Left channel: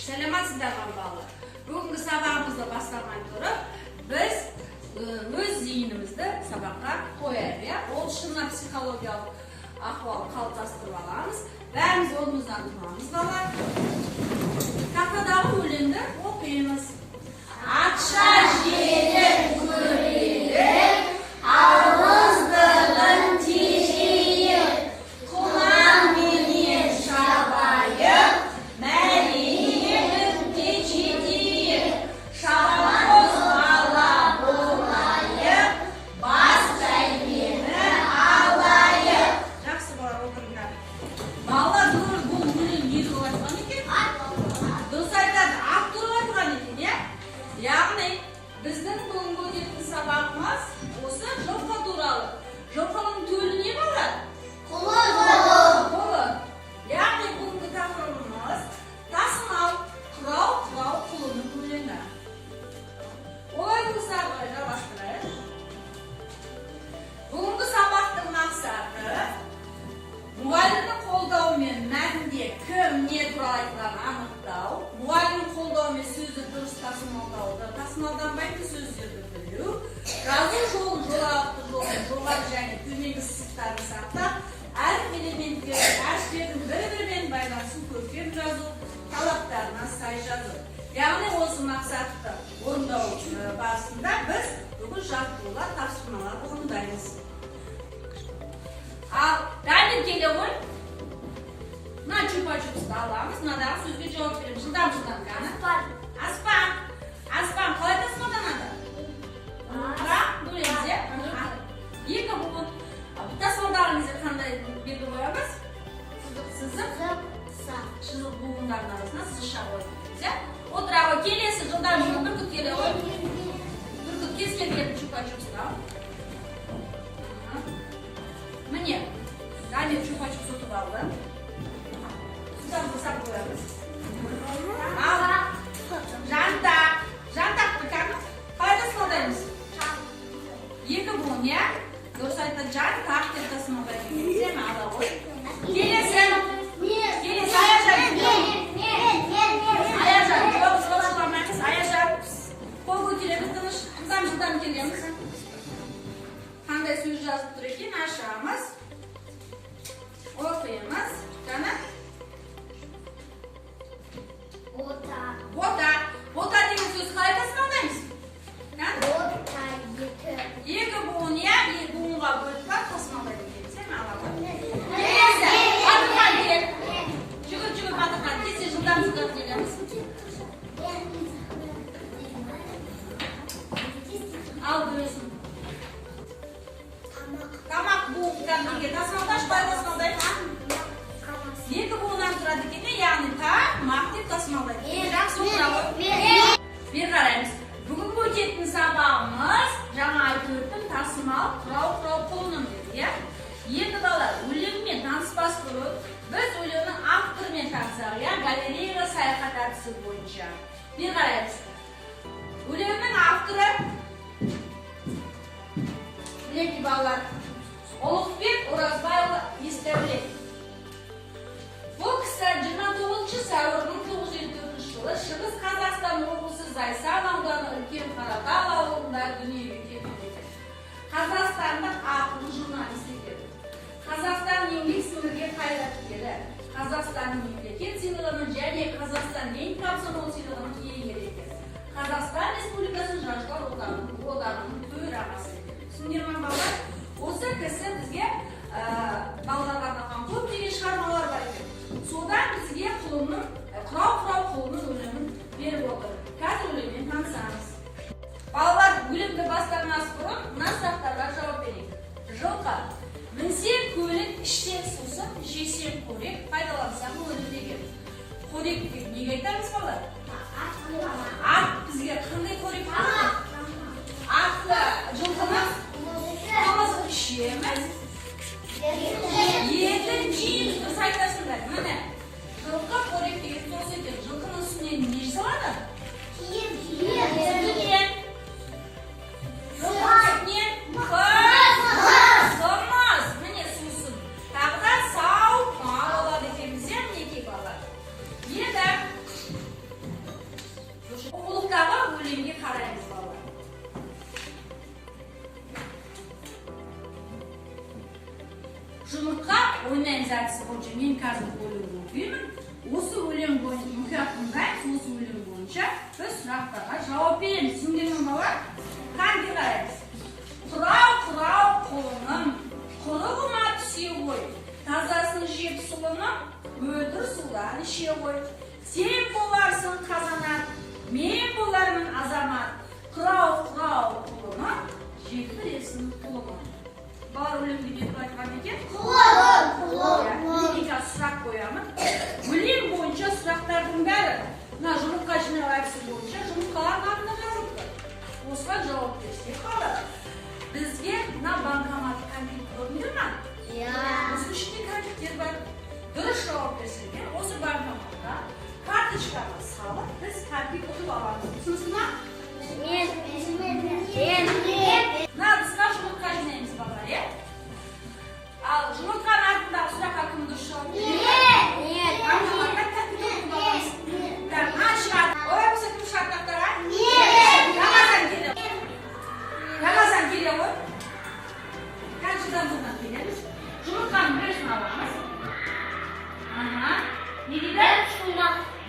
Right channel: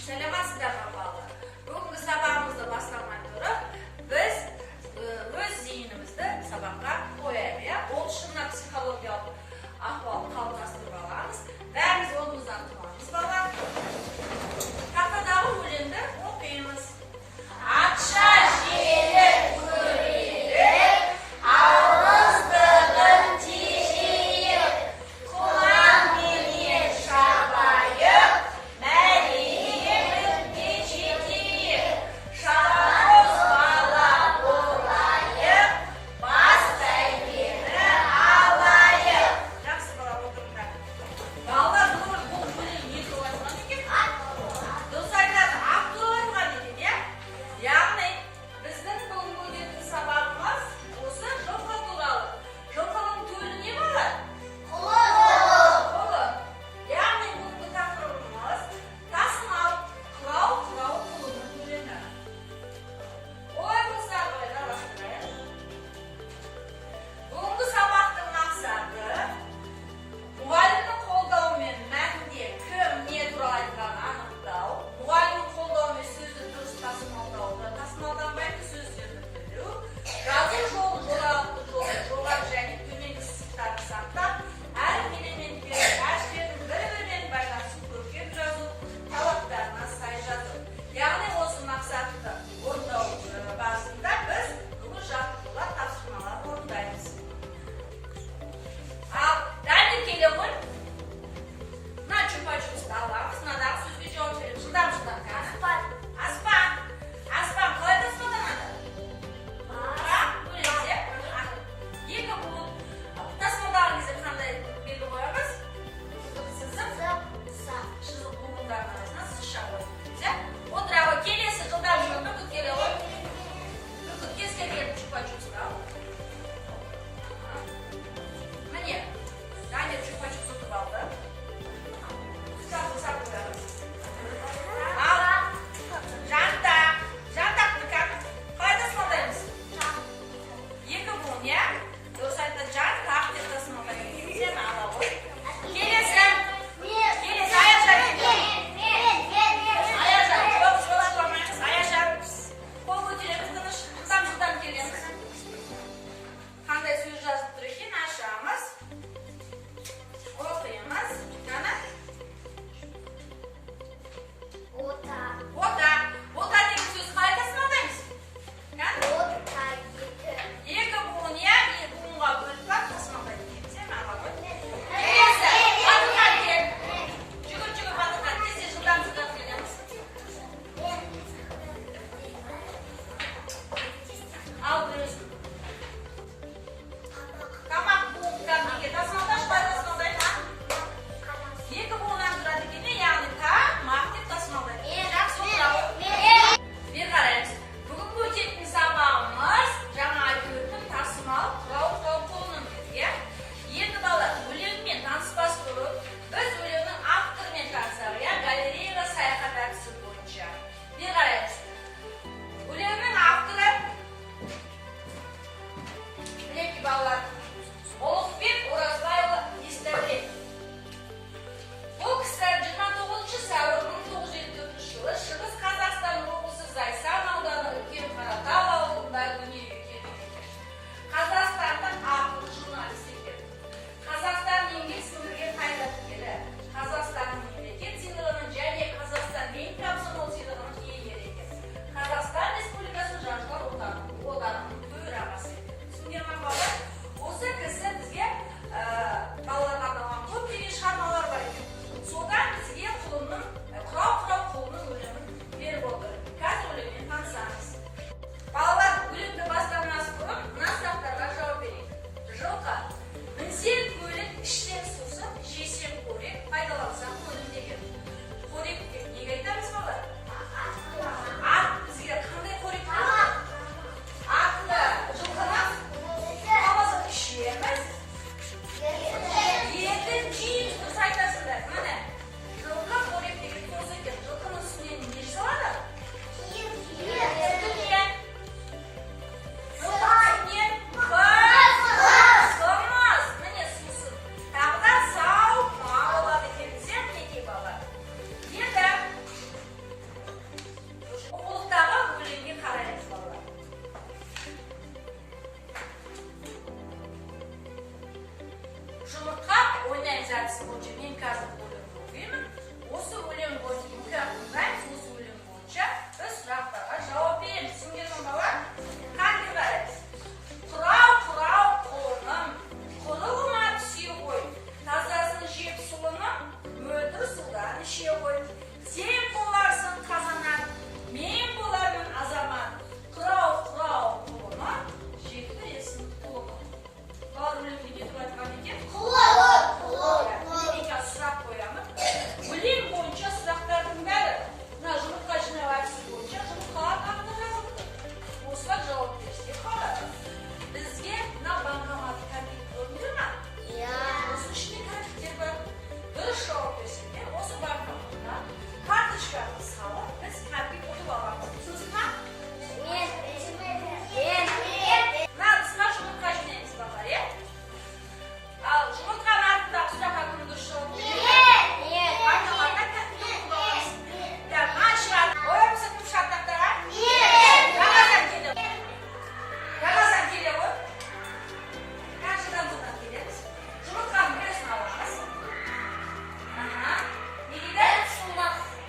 Selamatсыздар балалар. Бүгінгі сабағымызды бастамай тұрып, біз өз зейінімізді сабаққа қояйық. Ол шынна психологиялық ахуал қалыптастырып аламыз. Бәріміз орнымыздан тұрамыз балалар. Тақтадағы өлеңді оқимыз. Атша желіп көрейік, ауыздығын тежейік, құлан менен шабайық, мәлемін жетейік, шабандоз бала болайық, бас бәйгені алайық. Жақсы бала отырыңдар. Балалар бұл өлең не туралы айтқан екен? Дұрыс айтады, ат туралы айтқан екен, иә? Яғни біздің бүгінгі өтетін сабағымыз осы жылқы туралы. Жылқының төлі не болады? Қолы. Яғни бүгінгі тақырыбымыз тасымал, құрау құлының өлеңі. Олай болса жалғастырайық. Бүгінгі сабақтың мақсаты мұғалімнің қолдауымен мәтінде кім не туралы айтқанын анықтау, мұғалімнің қолдауымен сөзді дұрыс тасымалдауды, тасымалданбайтын сөздерді білу, жазу жолын, жолауты жолын, жоғары және төменгі сызықтарын сақтап, әріп элементтерін, әріптердің бір-бірімен байланысын көркем жазу, талаптарына сай жазу. Яғни осы мақсатты орындау барысында біз бүгін жаттығулар, тапсырмалар орындаймыз. Ал дәлел келе ғой. Мына чупа-чупсты аламыз, мынадағы сөзге жауап береміз. Жылдам қаны? Аспан қалай тасымалданады? Бөлеміз, иә? Екі буын. Тасымалдаған кезде қандай белгі қоямыз? Сызық, шызық буындардың арасына сызықша қоямыз, иә? Отыра ғой, келесі жылдам бүркіт келе ғой. Бүркіт кез келген чупа-чупсты ал. Міне, Дамир чупа-чупс ұтып алды. Құстарды сап қоямыз. Ал, жантақты қалай тасымалдаймыз? Екі буын, иә? Дұрыс айтты, жантақ деп тасымалдаймыз. Сен ала ғой. Келесі, Аяжан. Қол көтереміз, тыныш, жылдам келеміз. Қандай сөз жазып тұр екен, ашамыз. Оқимыз. Қана? Бота деген сөз қалай тасымалдаймыз? Екі буын, иә? Екі буынға бөліп тасымалдайды екен. Сен ала ғой. Келесі, Батырхан кел. Жүгір, Батырхан. Тез жылдам келеміз. Ал бөлесін. Тамақ буындар неге тасымалдаш, бай тасымалдайды? Екі буыннан тұрады екен, яғни тамақ деп тасымалдайды. Жақсы отыра ғой. Бер қараймыз. Бүгінгі өтетін сабағымыз жаңа айтып өттім, тасымал, құрау құлының деді, иә? Енді балалар, өлеңмен таныспас бұрын біз өлеңнің авторымен танысақ, иә? Галереяға саяхат әдісі бойынша. Бер қараймыз. Өлеңнің авторы біледі балалар. Ұлықбек Оразбайұлы Есдәулет. Бұл кісі 29 сәуір 1954 жылы Шығыс Қазақстан облысы Зайсан ауданы Үлкен Қаратал ауылында дүниеге келген. Қазақстандық ақын журналист екен. Қазақстан еңбек сіңірген қайраткері, Қазақстанның мемлекет сыйлығының және Қазақстан ең комсомол сыйлығының иегері екен. Қазақстан Республикасы Жазушылар одағының төрағасы екен. Түсіндіңдер ме балалар? Осы кісі бізге балаларға арналған көптеген шығармалар бар екен. Содан бізге құрау құлының өлеңін беріп отыр. Қазір өлеңмен танысамыз. Балалар, өлеңді бастарынан бұрын мына сұрақтарға жауап берейік. Жылқы. Мінсең көлік, іштен сусын, жесең қорек, пайдалансаң өлім деген. Қорек деп неге айтамыз балалар? Ат бізге қандай қорек болады? Атты жылқымыз қамызын ішеміз. Етін жейміз, дұрыс айтасыңдар. Міне, жылқы қорек деген сосы екен. Жылқының үстіне не жасалады? Киім. Жылқының үстіне қымыз. Міне сусын. Тағы да сау мал болады екенбіз, иә, мінекей балалар. Енді Жұмыртқа ойнаймыз әдісі бойынша мен қазір өлең оқимын. Осы өлең бойынша осы өлең бойынша біз сұрақтарға жауап береміз. Сендермен бала қандай қараймыз? Құрау қолының, құлығыма түсе ғой. Тазасын жеп сұлының, мөлдір судан іше ғой. Сен боларсың қазанат, мен болармын азамат. Құрау қолының, жеп білесің құлығын. Балар өлеңді кетіп айтқан екен? Құлығын. Мен сұрақ қоямын. Өлең бойынша сұрақтардың бәрі мына жұмыртқа жинау әдісі бойынша жұмыртқалар хақында жазылыпты. Осыған жауап берсе қалады. Бізге мына банкомат кәмпит көрінді ме? Осы ішінде кәмпиттер бар. Дұрыс жауап берсеңдер, осы банкоматқа карточкаға салып, біз кәмпит ұтып аламыз. Түсінсіз ме? Мына бізге жұмыртқа жинаймыз балалар, иә? Ал жұмыртқаның артындағы сұраққа кім дұрыс жауап береді? Банкоматта кәмпит ұтып аламыз. Олай болса кім шартақтарға? Рамазан келе ғой. Қаншадан бұрын келеміз? Жұмыртқаның біреусін аламыз. Не дейді?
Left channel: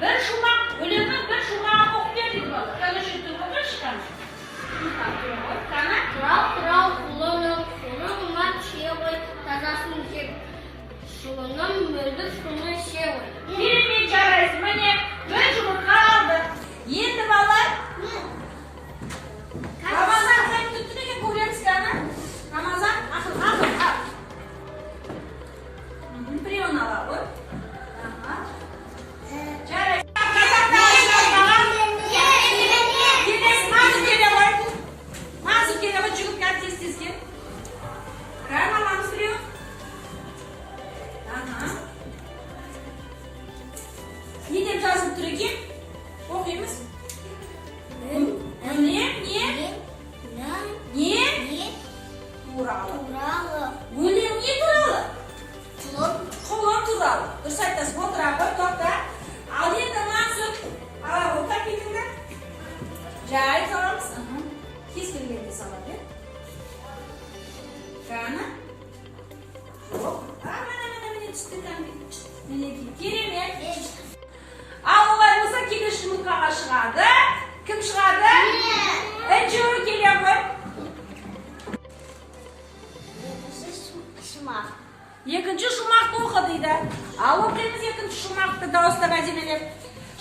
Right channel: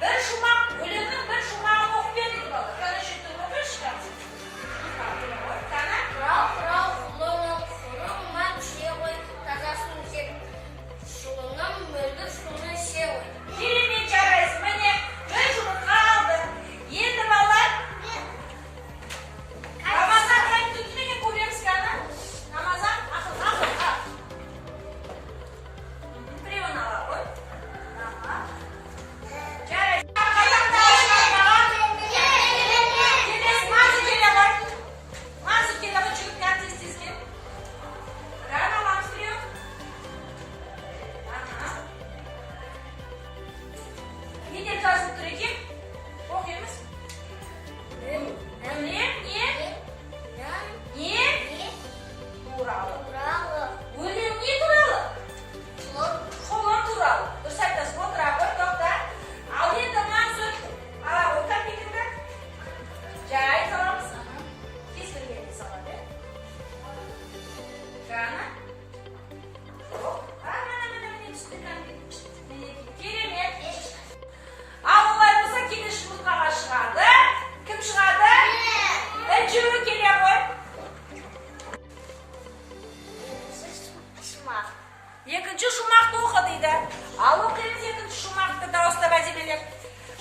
Бір шумақ. Өлеңнің бір шумағын оқып бер дейді балалар. Қана шетті оқып шығамыз. Құрау құлының, құлығыма түсе ғой. Тазасын жеп сұлының, мөлдір суын іше ғой. Керемет жарайсың. Міне бір жұмыртқа алды. Енді балалар Рамазан кәмпит ұтты екен, көреміз кәні. Рамазан ақыл. Біреуін ала ғой. Жарайсың. Назы келе ғой, жүгіп тез-тезге. Рәм аламыз біреу. Не деп жазылып тұр екен? Оқимыз. Не туралы? Өлең не туралы? Құлын туралы. Дұрыс айтасың, отыра ғой, тоқта. Ал енді Мансұр, ала ғой кәмпитіңді. Жай саламыз. Кез келгенде салады. Жаңа? Жоқ. Міне түсті кәмпит. Міне керемет. Ал олай болса келесі жұмыртқаға шығады. Кім шығады? Үшеуі келе ғой. Екінші шумақты оқы дейді. Ал оқимыз екінші шумақты дауыстап әдемелеп.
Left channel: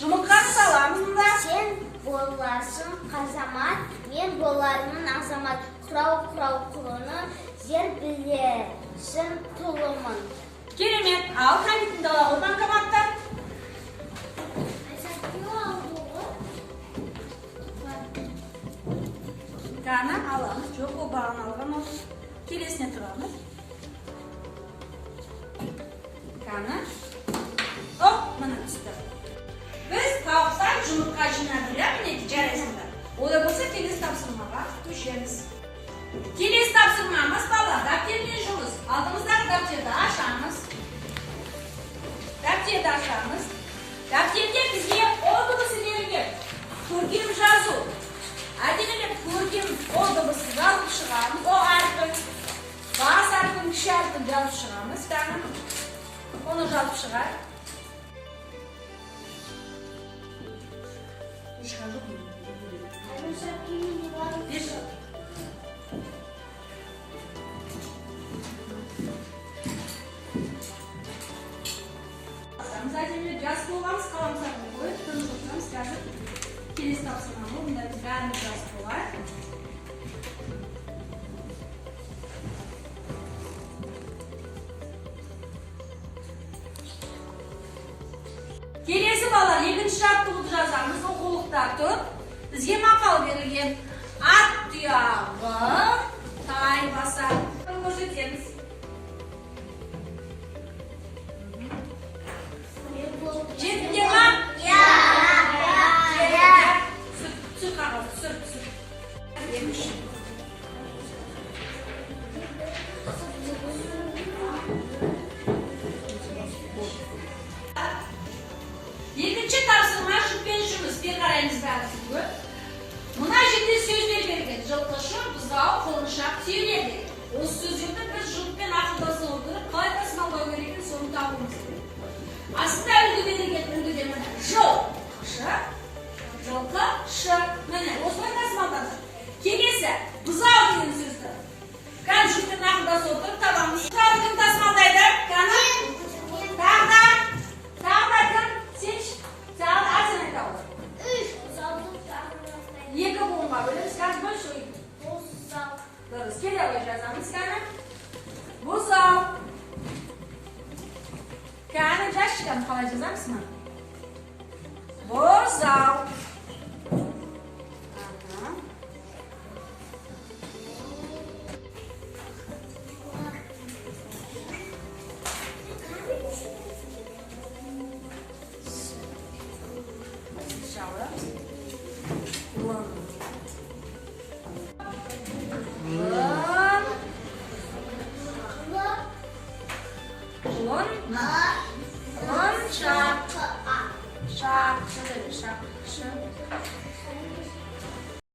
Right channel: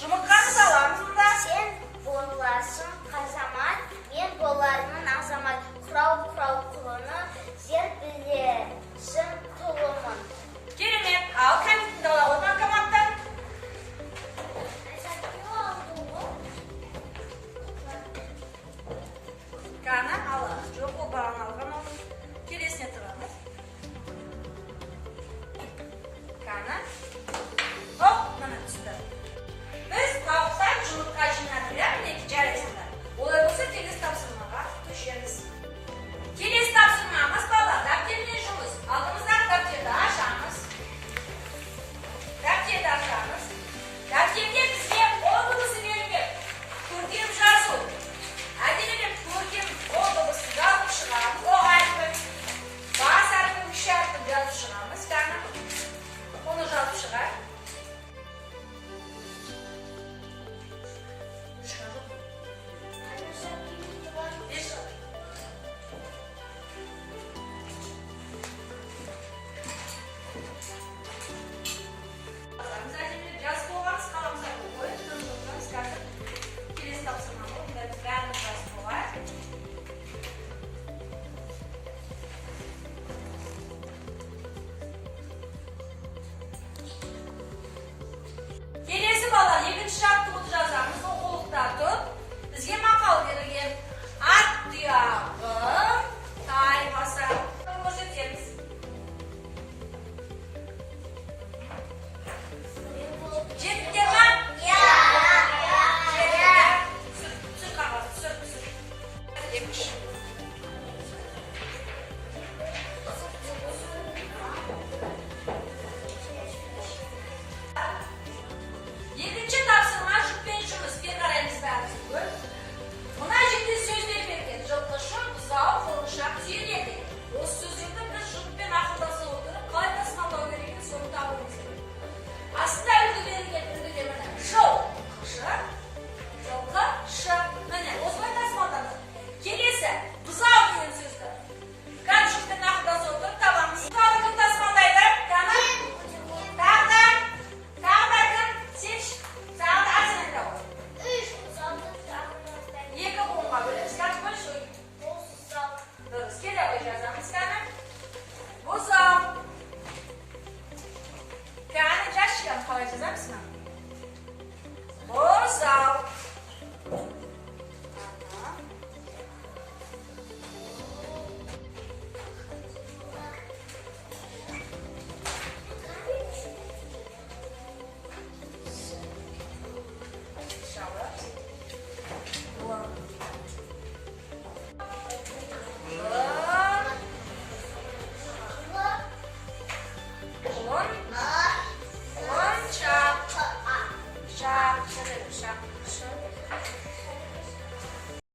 Жұмыртқаны саламыз мұнда. Сен боларсың қазамат, мен болармын азамат. Құрау құлыны, зер білесің тұлымын. Керемет. Ал кәмпитіңді ала ғой банкоматтан. Қана аламыз. Жоқ, ол бағын алған ол. Келесіне тұрамыз. Қана. Оп, мына түсті. Біз тауықтан жұмыртқа жинады, мінекі жарайсыңдар. Олай болса келесі тапсырмаға көшеміз. Келесі тапсырмамыз бала, дәптермен жұмыс. Алдымыздағы дәптерді ашамыз. Дәптерде бізге о дыбысы берілген. Көркем жазу. Әдемелеп көркем о дыбысы жазып шығамыз. О әрпін, бас әрпін, кіші әрпін жазып шығамыз. Оны жазып шығар. Жас болғаныз қаламызға қойып, тынып отырамыз. Қазір келесі тапсырманы онда біз бәріміз жас болады. Келесі бала екінші жаттығуды жазамыз. Оқулықта тұр. Бізге мақал берілген. Ат тұяғы тай басар. Көрсетеміз. Жетті ма? Түсір қағаз, түсір. Екінші тапсырма жұппен жұмыс. Бер қараймыз бәріміз көп. Мына жерде сөздер берген. Жылқышы, бұзау, құлыншақ, түйеледі. Осы сөздерді біз жұппен ақылдаса отырып қалай Aslında öldü demene. Jol. Ş. Jolka. Ş. Mene. Osman tasmaladı. Kelesi. Buzav deyin sözді. Kan şükür nakıda sotur. Tamam. Buzav kim tasmalaydı? Kanı? Tağda. Tağda kim? Seç. Tağda asıl ne tağda? Екі болма. Біліміз қазір бұл шөй. Дұрыс. Келе ғой жазамыз кәні. Buzav. Kani jaz chiqadi, qalay chizamizmi? Buzav. Shower.